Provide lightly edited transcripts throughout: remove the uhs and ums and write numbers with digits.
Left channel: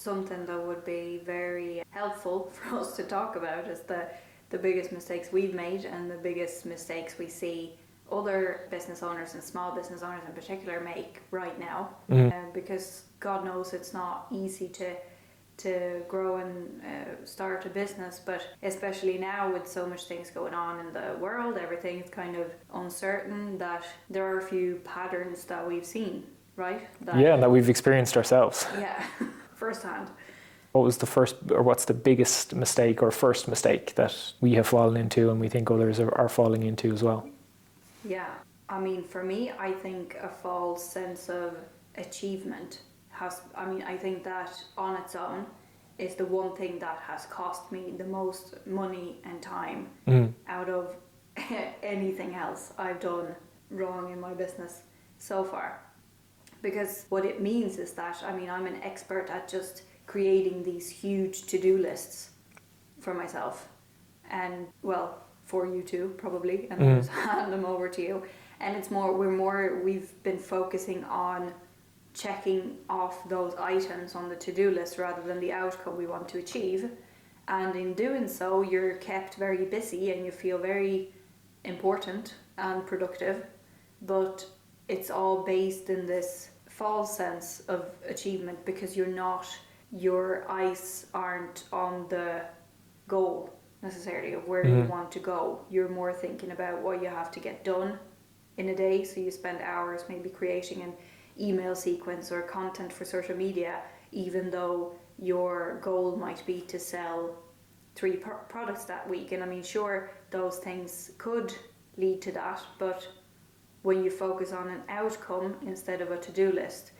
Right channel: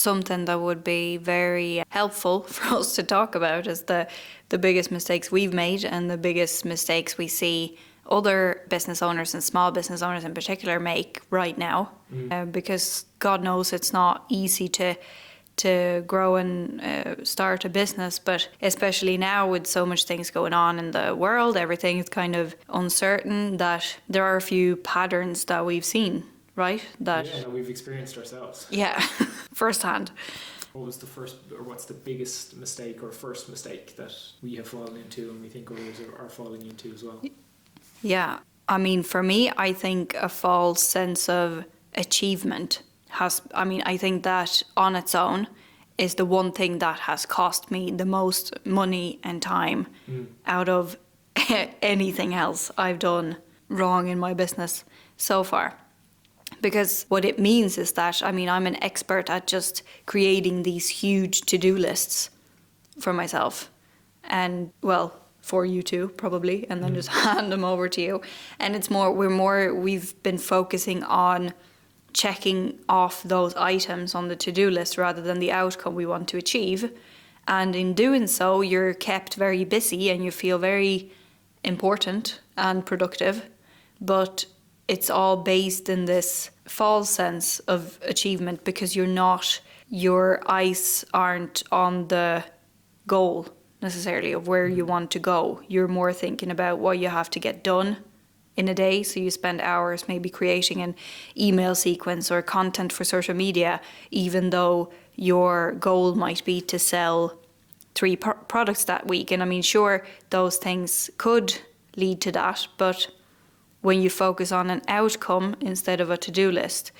Something that would be very helpful for us to talk about is the biggest mistakes we've made and the biggest mistakes we see other business owners and small business owners in particular make right now. Because God knows it's not easy to grow and start a business, but especially now with so much things going on in the world, everything is kind of uncertain, that there are a few patterns that we've seen, right? That we've experienced ourselves. Yeah, firsthand. What was the first, or what's the biggest mistake or first mistake that we have fallen into and we think others are falling into as well? Yeah, I mean, for me, I think a false sense of achievement I think that on its own is the one thing that has cost me the most money and time out of anything else I've done wrong in my business so far. Because what it means is that, I'm an expert at just creating these huge to-do lists for myself. And, well, for you too, probably, and then just hand them over to you. And we've been focusing on checking off those items on the to-do list rather than the outcome we want to achieve. And in doing so, you're kept very busy and you feel very important and productive, but it's all based in this false sense of achievement because your eyes aren't on the goal necessarily of where you want to go. You're more thinking about what you have to get done in a day, so you spend hours maybe creating an email sequence or content for social media, even though your goal might be to sell 3 products that week. And sure, those things could lead to that, but when you focus on an outcome instead of a to-do list,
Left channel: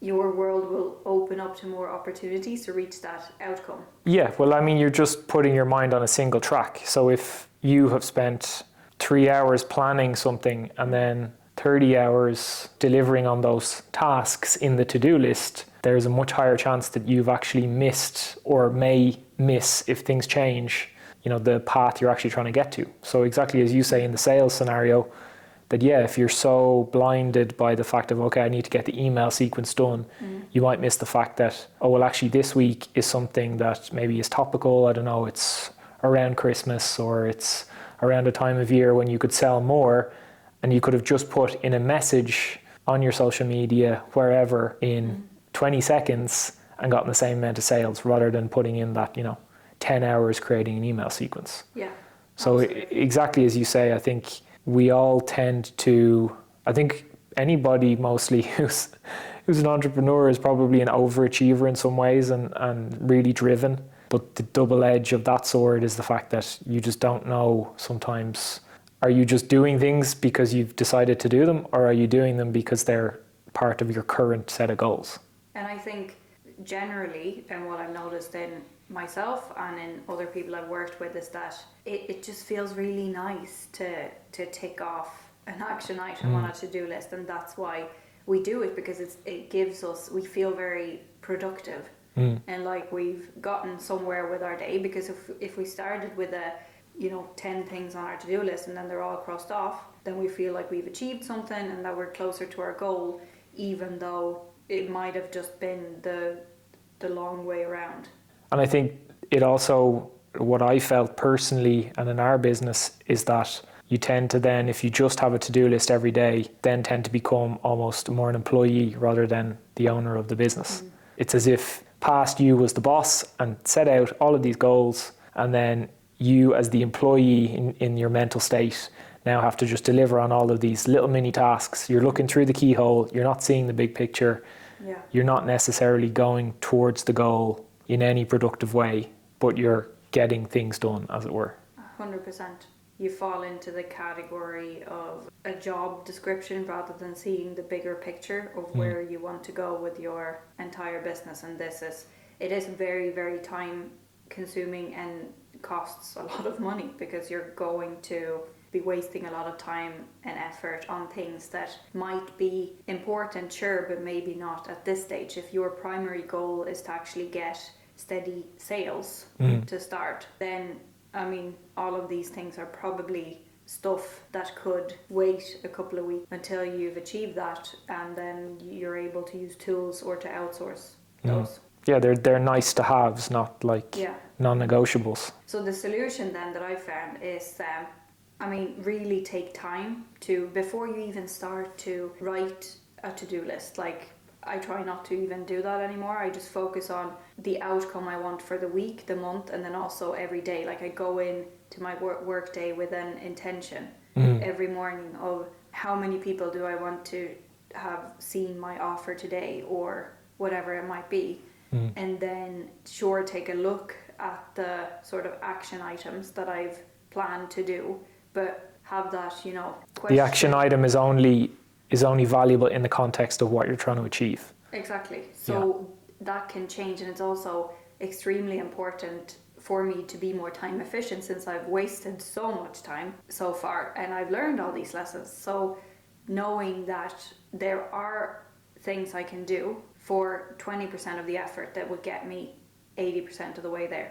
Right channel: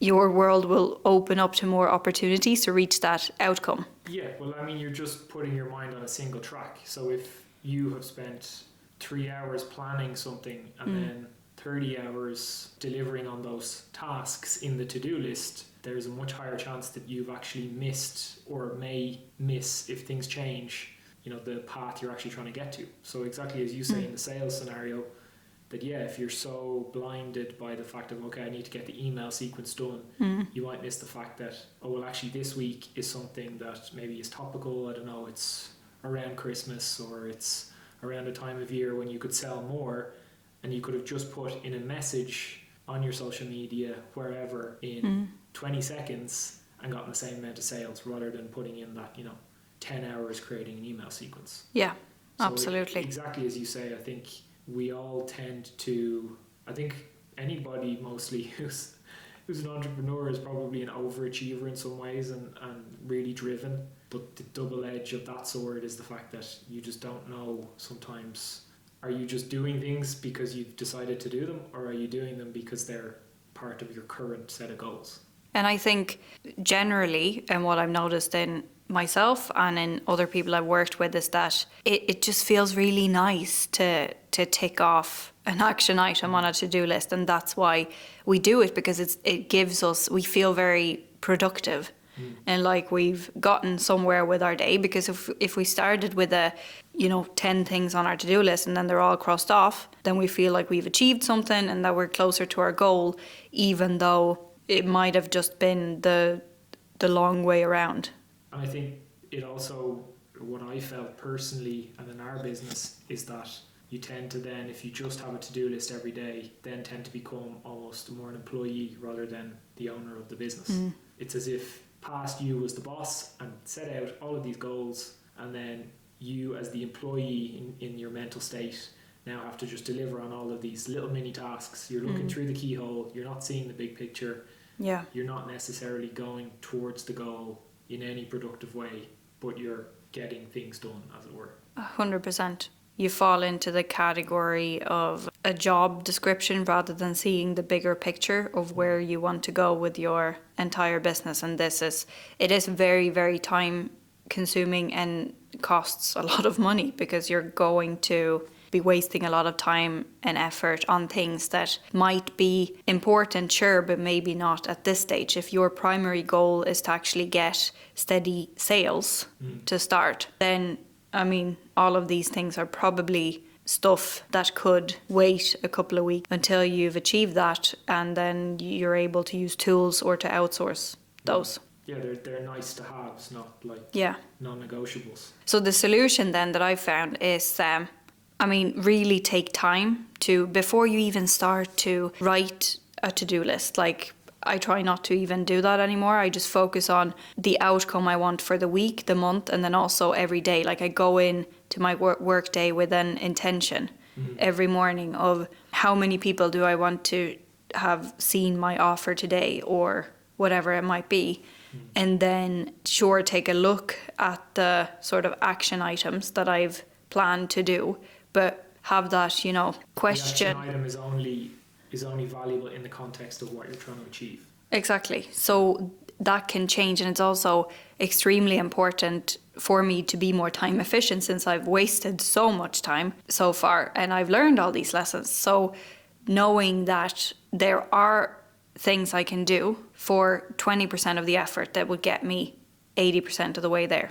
your world will open up to more opportunities to reach that outcome. Yeah, well, you're just putting your mind on a single track. So if you have spent 3 hours planning something and then 30 hours delivering on those tasks in the to-do list, there's a much higher chance that you've actually missed or may miss, if things change, the path you're actually trying to get to. So exactly as you say in the sales scenario, that if you're so blinded by the fact of, okay, I need to get the email sequence done, you might miss the fact that, actually this week is something that maybe is topical. I don't know, it's around Christmas or it's around a time of year when you could sell more, and you could have just put in a message on your social media, wherever, in 20 seconds and gotten the same amount of sales rather than putting in that, 10 hours creating an email sequence. Yeah, so absolutely. Exactly as you say, I think we all tend to, I think anybody mostly who's an entrepreneur is probably an overachiever in some ways and really driven. But the double edge of that sword is the fact that you just don't know sometimes, are you just doing things because you've decided to do them, or are you doing them because they're part of your current set of goals? And I think generally, and what I've noticed in myself and in other people I've worked with, is that it just feels really nice to tick off an action item on a to-do list. And that's why we do it, because it gives us, we feel very productive. And like we've gotten somewhere with our day, because if we started with 10 things on our to-do list and then they're all crossed off, then we feel like we've achieved something and that we're closer to our goal, even though it might have just been the long way around. And I think it also, what I felt personally and in our business, is that you tend to then, if you just have a to-do list every day, then tend to become almost more an employee rather than the owner of the business. It's as if past you was the boss and set out all of these goals, and then you as the employee in your mental state now have to just deliver on all of these little mini tasks. You're looking through the keyhole, you're not seeing the big picture. Yeah. You're not necessarily going towards the goal in any productive way, but you're getting things done, as it were. 100%. You fall into the category of a job description rather than seeing the bigger picture of where you want to go with your entire business. And it is very, very time consuming and costs a lot of money, because you're going to be wasting a lot of time and effort on things that might be important, sure, but maybe not at this stage. If your primary goal is to actually get steady sales to start, then all of these things are probably stuff that could wait a couple of weeks until you've achieved that, and then you're able to use tools or to outsource those. Yeah, they're nice to haves, not like Yeah. non-negotiables. So the solution then that I found is, really take time to, before you even start to write a to-do list. Like, I try not to even do that anymore. I just focus on the outcome I want for the week, the month, and then also every day. Like, I go in to my work day with an intention every morning of how many people do I want to have seen my offer today, or whatever it might be. And then take a look at the sort of action items that I've planned to do, but have that, question. The action item is only valuable in the context of what you're trying to achieve. Exactly. So that can change, and it's also extremely important for me to be more time efficient, since I've wasted so much time so far, and I've learned all these lessons. So knowing that there are things I can do for 20% of the effort that would get me 80% of the way there.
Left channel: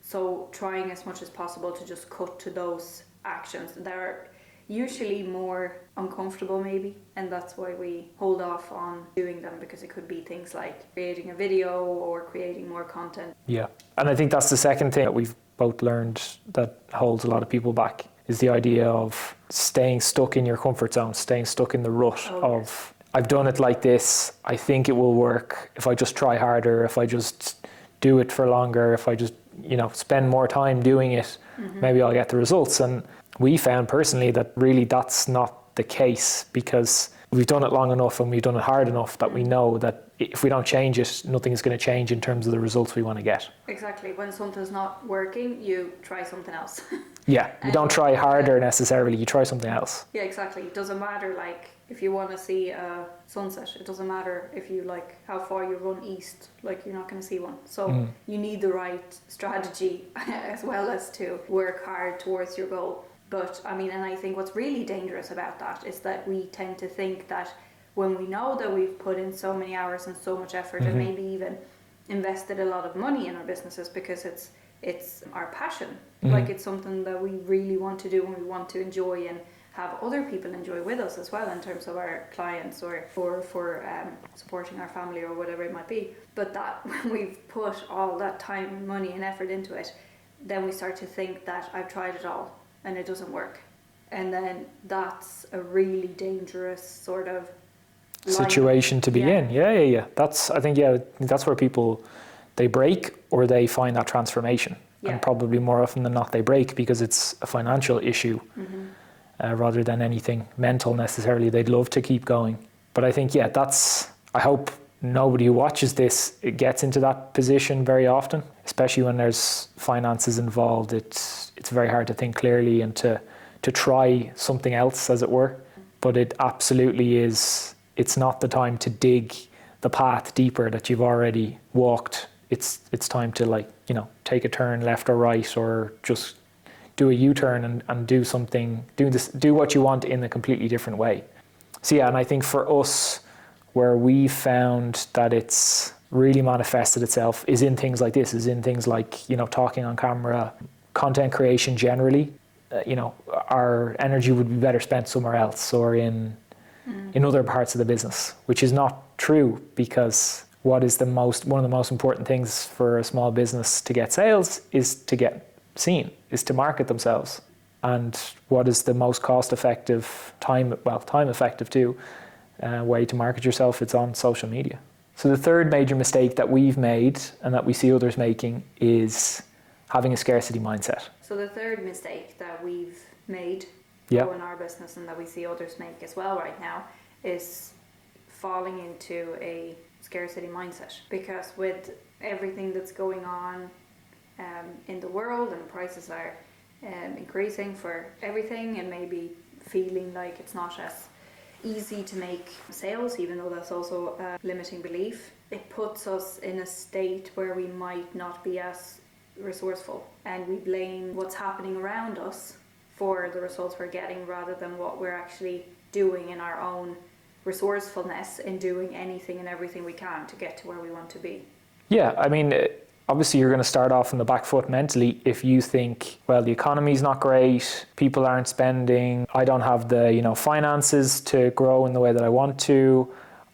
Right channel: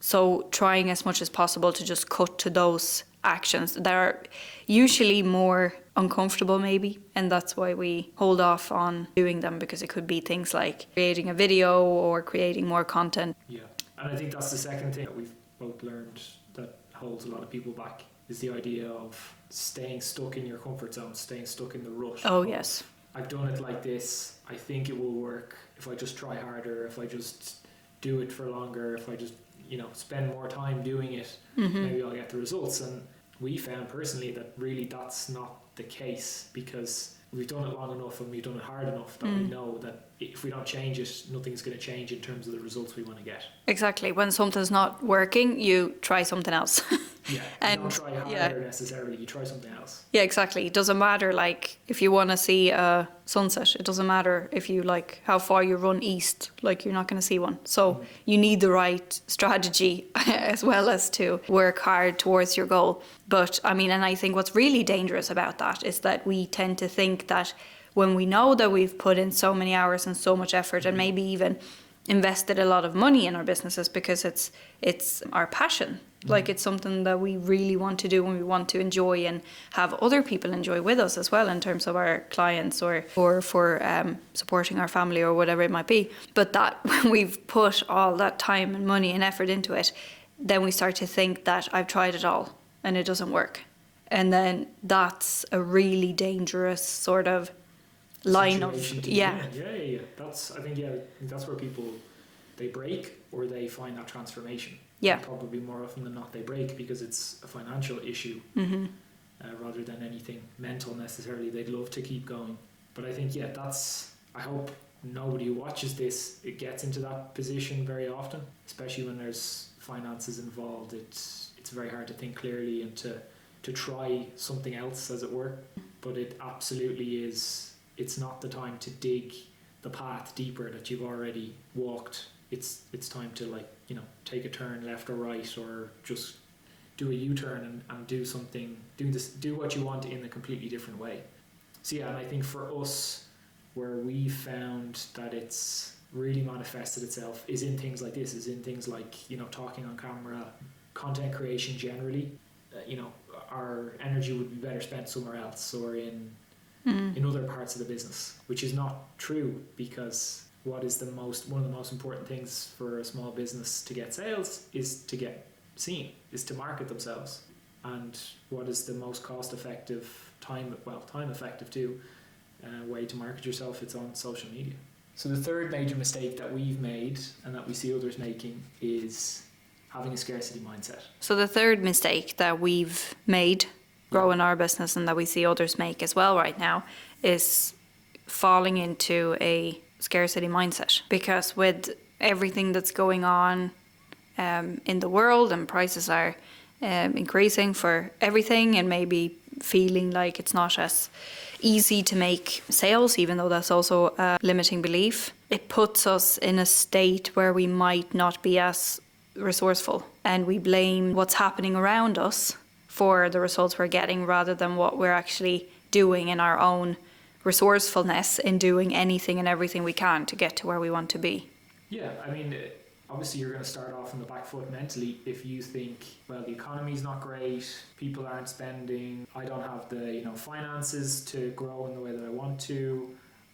So trying as much as possible to just cut to those actions that are usually more uncomfortable maybe, and that's why we hold off on doing them, because it could be things like creating a video or creating more content. Yeah, and I think that's the second thing that we've both learned that holds a lot of people back, is the idea of staying stuck in your comfort zone, staying stuck in the rut of, I've done it like this, I think it will work if I just try harder, if I just do it for longer, if I just, spend more time doing it, maybe I'll get the results. And we found personally that really that's not the case, because we've done it long enough and we've done it hard enough that we know that if we don't change it, nothing is going to change in terms of the results we want to get. Exactly. When something's not working, you try something else. Yeah, you don't try harder necessarily, you try something else. Yeah, exactly. It doesn't matter, like, if you want to see a sunset, it doesn't matter if you, like, how far you run east, like, you're not going to see one. So you need the right strategy as well as to work hard towards your goal. But, and I think what's really dangerous about that is that we tend to think that when we know that we've put in so many hours and so much effort and maybe even invested a lot of money in our businesses because it's our passion. Like, it's something that we really want to do and we want to enjoy and have other people enjoy with us as well, in terms of our clients or for supporting our family or whatever it might be. But that when we've put all that time and money and effort into it, then we start to think that I've tried it all and it doesn't work. And then that's a really dangerous sort of situation to be in. Yeah. I think that's where people, they break or they find that transformation. Yeah. And probably more often than not they break because it's a financial issue rather than anything mental necessarily. They'd love to keep going. But I think, I hope nobody who watches this gets into that position very often, especially when there's finances involved. It's very hard to think clearly and to try something else, as it were. But it absolutely is. It's not the time to dig the path deeper that you've already walked. It's time to take a turn left or right, or just do a U-turn and do something, do what you want in a completely different way. So and I think for us, where we found that it's really manifested itself is in things like this, is in things like, talking on camera, content creation generally. Our energy would be better spent somewhere else or in other parts of the business, which is not true, because one of the most important things for a small business to get sales is to get seen, is to market themselves. And what is the most cost-effective, time-effective too, way to market yourself? It's on social media. So the third major mistake that we've made and that we see others making is having a scarcity mindset. So the third mistake that we've made growing our business and that we see others make as well right now is falling into a scarcity mindset. Because with everything that's going on in the world, and prices are increasing for everything, and maybe feeling like it's not as easy to make sales, even though that's also a limiting belief, it puts us in a state where we might not be as resourceful, and we blame what's happening around us for the results we're getting rather than what we're actually doing in our own resourcefulness in doing anything and everything we can to get to where we want to be. Yeah, obviously you're going to start off on the back foot mentally if you think, well, the economy's not great, people aren't spending, I don't have the finances to grow in the way that I want to,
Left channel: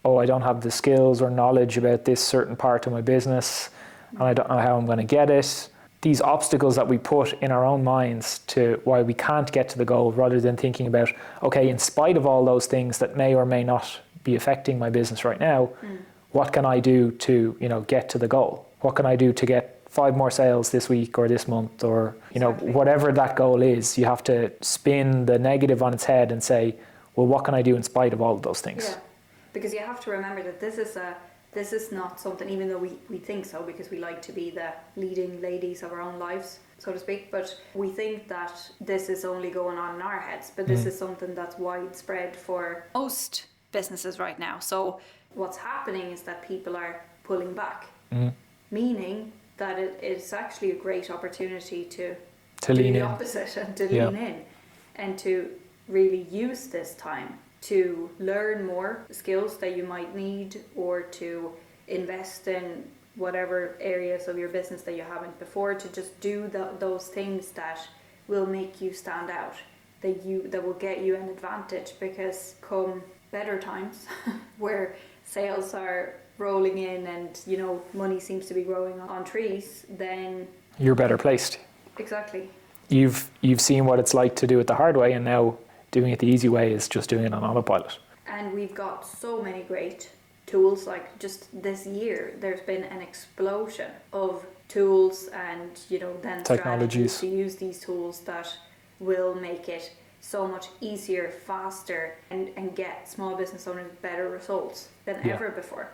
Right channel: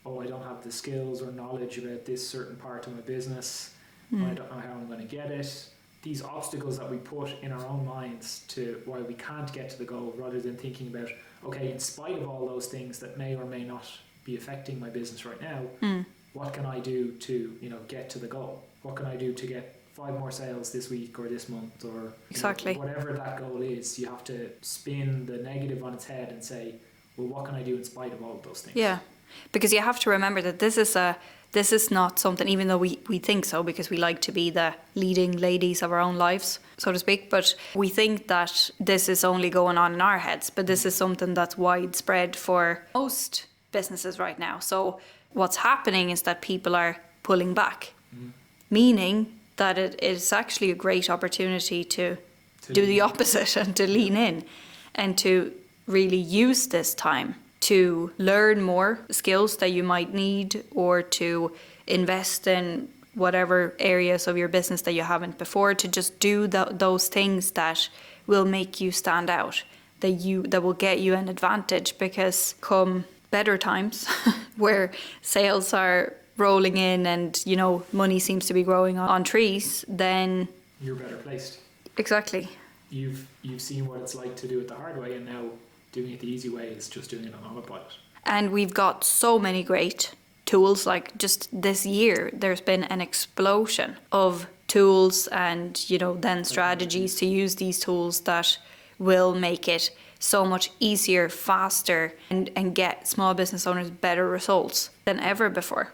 oh, I don't have the skills or knowledge about this certain part of my business, and I don't know how I'm going to get it. These obstacles that we put in our own minds to why we can't get to the goal, rather than thinking about, okay, in spite of all those things that may or may not be affecting my business right now, what can I do to, get to the goal? What can I do to get 5 more sales this week or this month, or Exactly. whatever that goal is? You have to spin the negative on its head and say, well, what can I do in spite of all of those things? Yeah, because you have to remember that this is not something, even though we think so, because we like to be the leading ladies of our own lives, so to speak, but we think that this is only going on in our heads, but this is something that's widespread for most businesses right now. So what's happening is that people are pulling back, meaning that it is actually a great opportunity to do the opposite and to lean in and to really use this time to learn more skills that you might need, or to invest in whatever areas of your business that you haven't before, to just do those things that will make you stand out, that will get you an advantage. Because come better times where sales are rolling in and money seems to be growing on trees, then you're better placed. Exactly. You've seen what it's like to do it the hard way, and now doing it the easy way is just doing it on autopilot. And we've got so many great tools. Like just this year, there's been an explosion of tools and, then strategies to use these tools that will make it so much easier, faster, and get small business owners better results than ever before.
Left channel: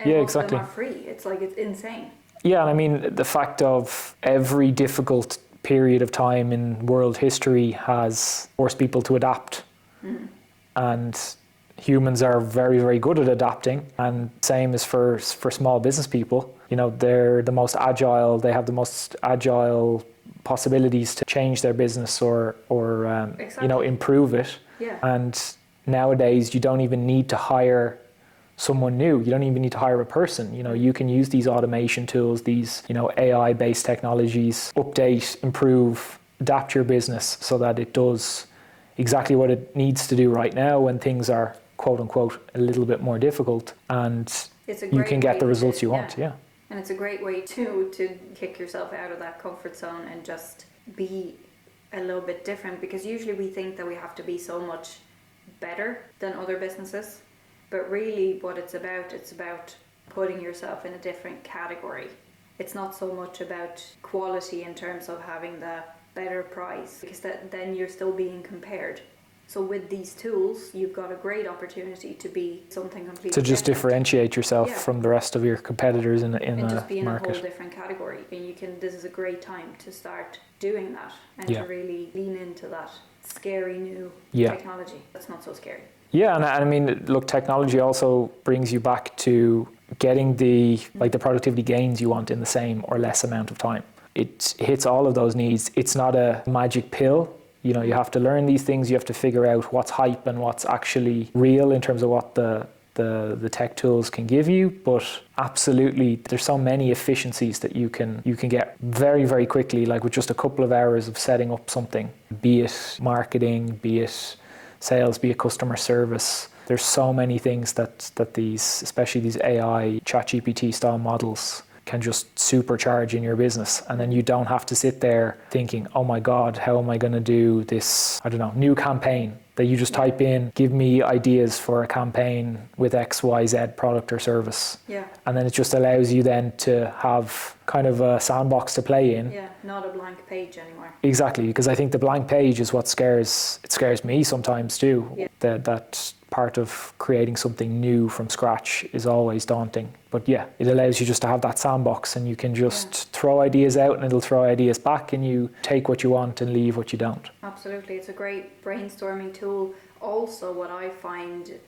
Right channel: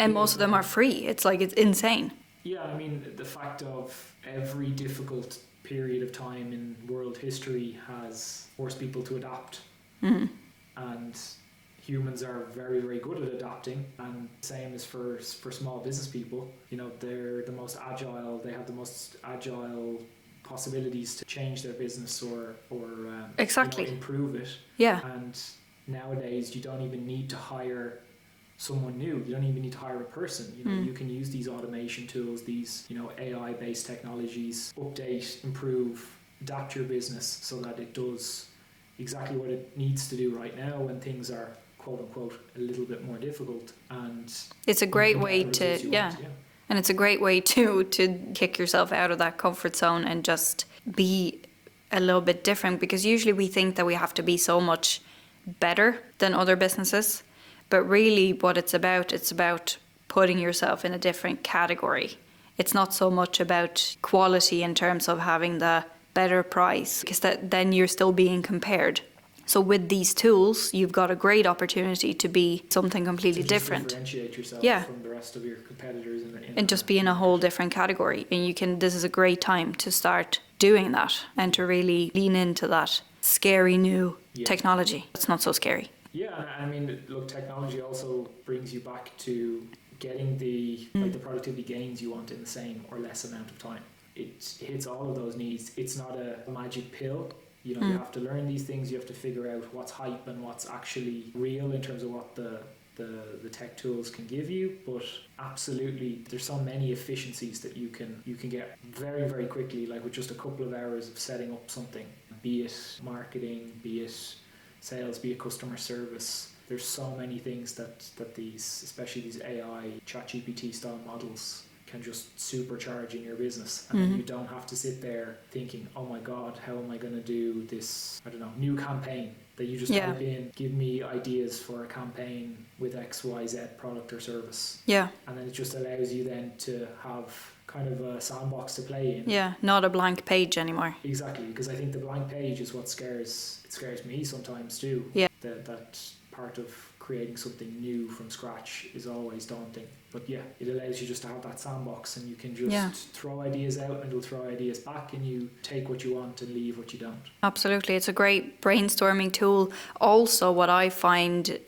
And most of them are free. It's insane. Yeah, and I mean, the fact of every difficult period of time in world history has forced people to adapt. And humans are very, very good at adapting. And same as for small business people. They're the most agile. They have the most agile possibilities to change their business or improve it. Yeah. And nowadays, you don't even need to hire someone new. You don't even need to hire a person. You can use these automation tools, these AI-based technologies, update, improve, adapt your business so that it does exactly what it needs to do right now when things are quote unquote a little bit more difficult, and it's a great you can way get the results to, you want. Yeah. And it's a great way to kick yourself out of that comfort zone and just be a little bit different, because usually we think that we have to be so much better than other businesses. But really what it's about putting yourself in a different category. It's not so much about quality in terms of having the better price, because then you're still being compared. So with these tools, you've got a great opportunity to be something completely different. To just differentiate yourself from the rest of your competitors and just be in a whole different category. And this is a great time to start doing that and to really lean into that scary new technology. It's not so scary. Yeah, and I mean, look, technology also brings you back to getting the productivity gains you want in the same or less amount of time. It hits all of those needs. It's not a magic pill. You have to learn these things. You have to figure out what's hype and what's actually real in terms of what the tech tools can give you. But absolutely, there's so many efficiencies that you can get very, very quickly, like with just a couple of hours of setting up something, be it marketing, be it sales, be it customer service. There's so many things that these, especially these AI ChatGPT style models, can just supercharge in your business. And then you don't have to sit there thinking, oh my God, how am I going to do this, new campaign? That you just type in, give me ideas for a campaign with XYZ product or service. Yeah. And then it just allows you then to have kind of a sandbox to play in. Yeah, not a blank page anymore. Exactly, because I think the blank page is what scares me sometimes too. Yeah. That part of creating something new from scratch is always daunting. But yeah, it allows you just to have that sandbox, and you can just throw ideas out and it'll throw ideas back, and you take what you want and leave what you don't. Absolutely. It's a great brainstorming tool. Also, what I find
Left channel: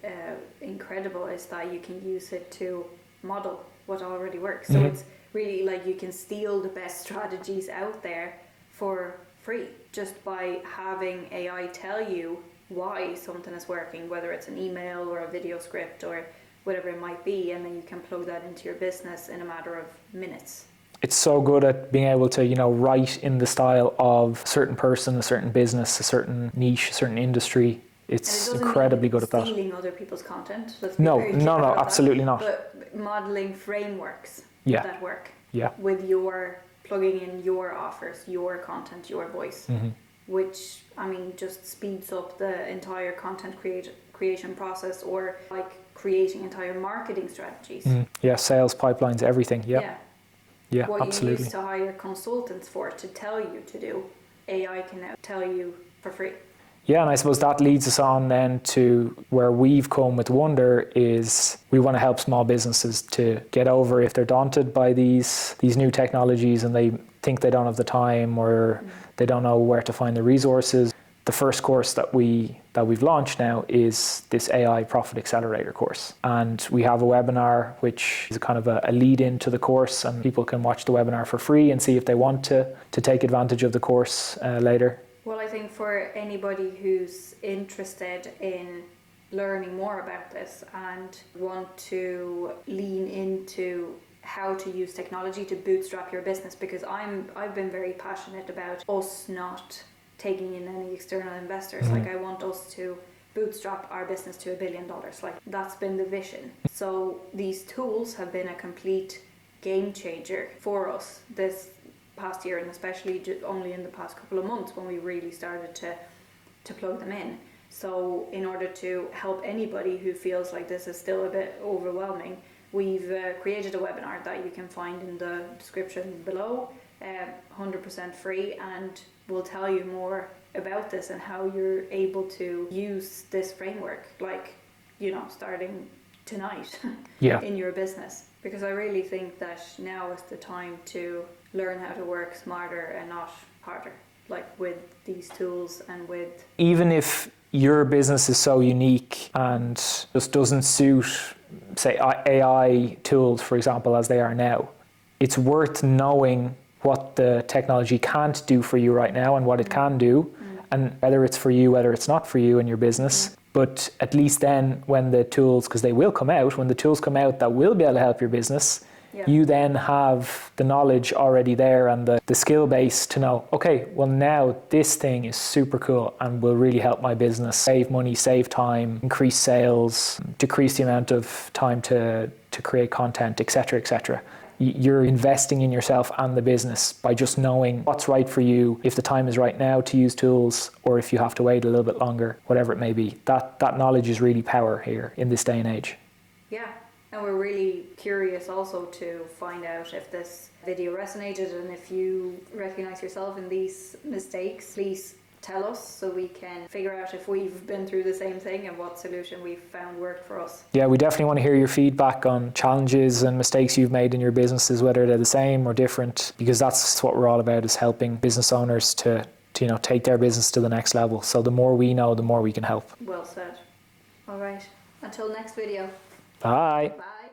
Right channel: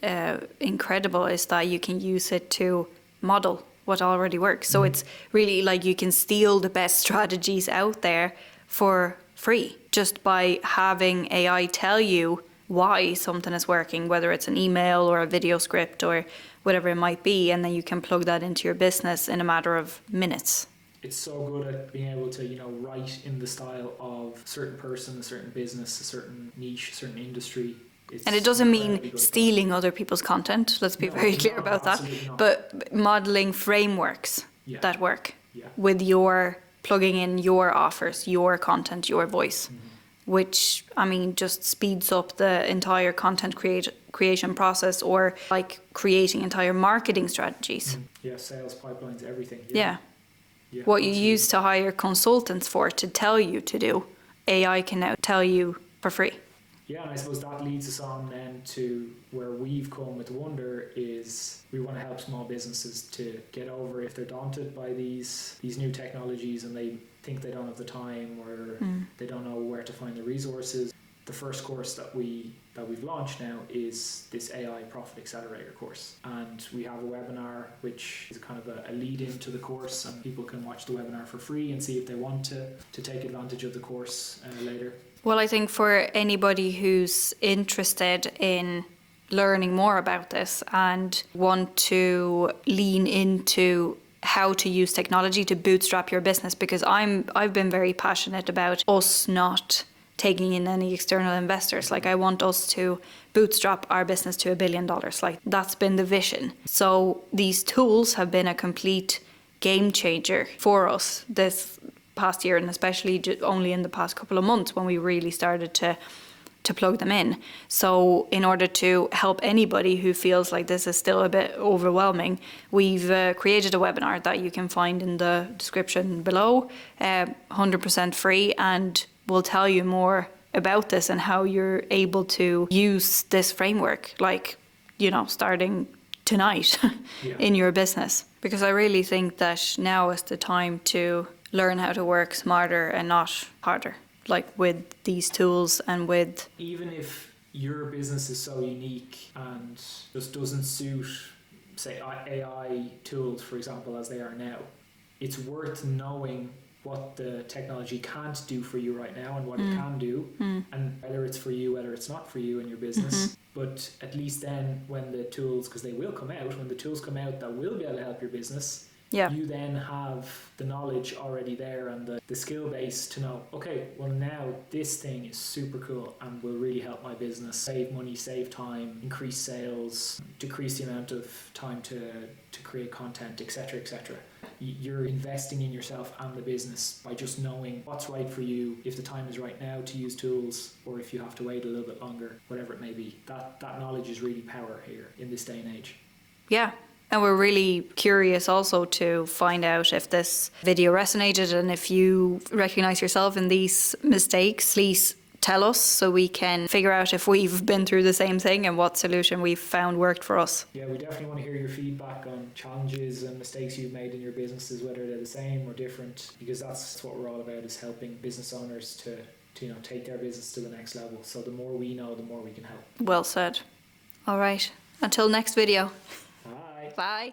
incredible is that you can use it to model what already works. So it's really like you can steal the best strategies out there for free just by having AI tell you why something is working, whether it's an email or a video script or whatever it might be, and then you can plug that into your business in a matter of minutes. It's so good at being able to, write in the style of a certain person, a certain business, a certain niche, a certain industry, It's And it doesn't incredibly mean good at that. stealing other people's content. Let's be No, very clear no, about that. absolutely not. But modeling frameworks Yeah. that work Yeah. with your plugging in your offers, your content, your voice, which I mean just speeds up the entire content creation process, or like creating entire marketing strategies. Yeah, sales pipelines, everything. Yeah. Yeah. Yeah, What absolutely. you used to hire consultants for to tell you to do, AI can now tell you for free. Yeah, and I suppose that leads us on then to where we've come with Wonder is we want to help small businesses to get over if they're daunted by these new technologies and they think they don't have the time or they don't know where to find the resources. The first course that we've launched now is this AI Profit Accelerator course. And we have a webinar which is kind of a lead into the course, and people can watch the webinar for free and see if they want to take advantage of the course later. Well, I think for anybody who's interested in learning more about this and want to lean into how to use technology to bootstrap your business, because I've been very passionate about us not taking in any external investors. Like I want us to bootstrap our business to $1 billion. Like that's been the vision. So these tools have been a complete game changer for us this past year, and especially only in the past couple of months when we really started to plug them in. So in order to help anybody who feels like this is still a bit overwhelming, we've created a webinar that you can find in the description below, 100% free, and we'll tell you more about this and how you're able to use this framework, like, you know, starting tonight in your business. Because I really think that now is the time to learn how to work smarter and not harder, like with these tools and with... Even if your business is so unique and just doesn't suit, say, AI tools, for example, as they are now, it's worth knowing what the technology can't do for you right now and what it can do, and whether it's for you, whether it's not for you in your business. But at least then when the tools, because they will come out, when the tools come out that will be able to help your business, you then have the knowledge already there and the skill base to know, okay, well now this thing is super cool and will really help my business save money, save time, increase sales, decrease the amount of time to create content, etc., etc. You're investing in yourself and the business by just knowing what's right for you, if the time is right now to use tools or if you have to wait a little bit longer, whatever it may be. That knowledge is really power here in this day and age. Yeah. And we're really curious also to find out if this video resonated, and if you recognize yourself in these mistakes, please tell us so we can figure out if we've been through the same thing and what solution we've found worked for us. Yeah, we definitely want to hear your feedback on challenges and mistakes you've made in your businesses, whether they're the same or different, because that's what we're all about, is helping business owners to you know, take their business to the next level. So the more we know, the more we can help. Well said. All right. Until next video. Bye. Bye.